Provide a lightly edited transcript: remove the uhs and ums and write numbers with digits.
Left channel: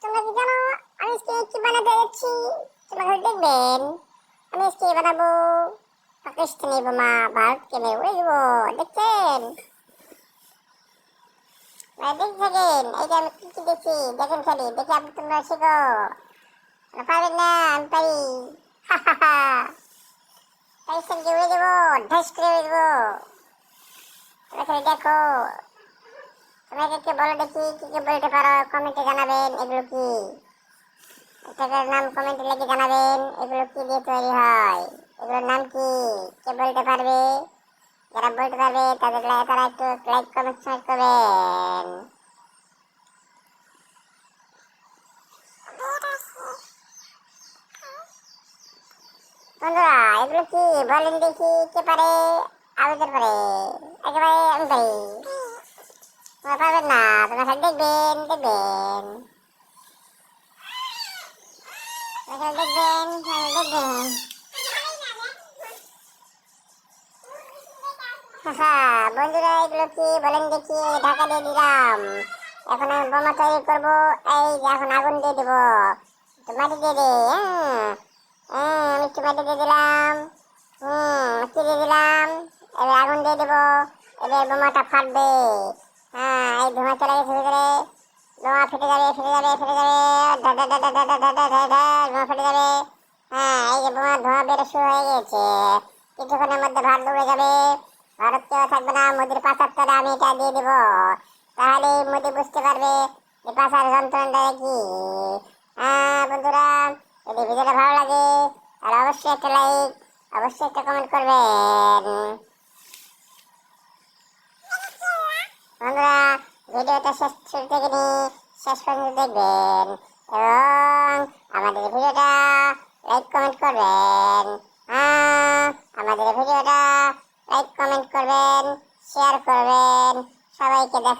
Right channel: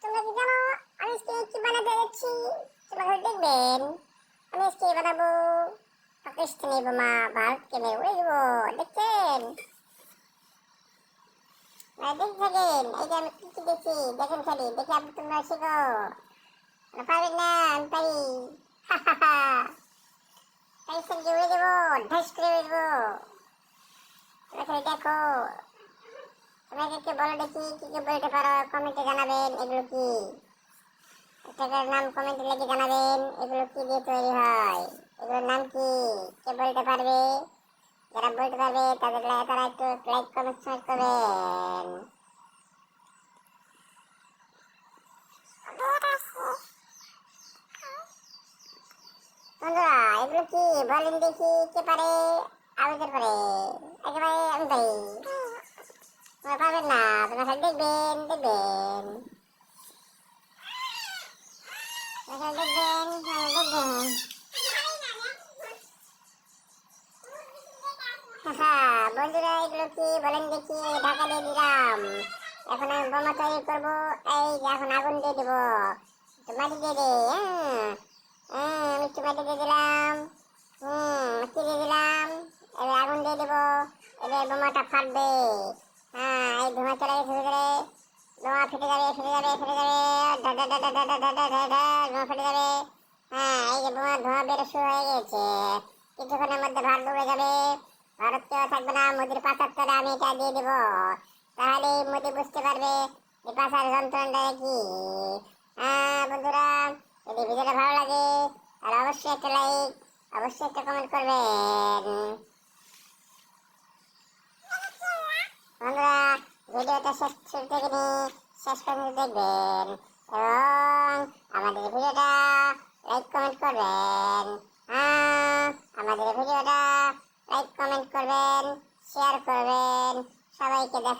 তোমরা কি জানো আমি আজকে কি বানাতে যাচ্ছি? তোমরা খালি দেখবেন। আমি আজকে বানাবো পাকিস্তানি বোমা, ভারতকে মেরে উড়ে দেবো। দেখছেন? দেখ থাকেন, এই যে আমি কি কি দেখছি দেখেন, খালি দেখে আপনি তোমরা শেখো। পারবেন না? আমি পারি। পাকিস্তানকে উড়ে দেবো, ধ্বংস করে উড়ে দেবো। তোমরা খালি দেখো। তোমরা কে বলো দেখি কি কি বলতে পারো, কমেন্টে জানাবেন। এগুলো কি এটার নাম কমেন্টে লিখে জানাবেন। এগুলো কি দিয়ে তৈরি হয়, এগুলোর নাম কি, কে বলতে পারবে? যারা বলতে পারবে তারা একটু লাইক কমেন্ট শেয়ার করবেন। বন্ধুরা এগুলো কি বলেন দেখি, কে পারে? আবেদন পারে, একেবারে আমি পারি। তোমরা পারবেন না, তোমরা খালি দেখবেন দেখবেন দেখবেন দেখবেন। বন্ধুরা এগুলো কি বলেন দেখি, ঢাকা দিয়ে দিলাম। এখন আমি বোমা তৈরি করবো। এই যে এখন আগুন দিয়ে দেবো, একটু মাটি দিয়ে দে। আমি একটু মাটি দিয়ে দিলাম। কি দিয়ে দিলাম? এবার আগুন দিয়ে দেবো। এবার বোমাটা ফাটবে। এই ধোঁয়া চলে গেছে ভিতরে। ধোঁয়া ফেটে যাবে ফেটে যাবে ফেটে যাবে, ধা ধা ধা ধা ধা ধা ধা ধা ধা, ধোঁয়া ফেটে যাবে। এই যে বোমা ধোঁয়া বেরো শুরু হয়ে গেছে। কিছুক্ষণের মধ্যে ভাত ডুবে যাবে। ভারত কেউ থাকবে না, মোদির পাচার করে আমি এটা দিয়ে দেবো। তাহলে মোদি বুঝতে পারবে যে পাচার যন্ত্রণাটা কি। বন্ধুরা যদি ভিডিওটা ভালো লাগে তাহলে অবশ্যই একটা লাইক, অবশ্যই একটা কমেন্ট করবেন। বন্ধুরা ভিডিওটা শেষ থেকে নিয়ে শেষ পর্যন্ত দেখবেন এবং আমাদের ভিডিওটা লাইক কমেন্ট করবেন। আমাদের ভিডিওটা লাইক কমেন্ট করবেন, শেয়ার করবেন, সবাইকে দেখা।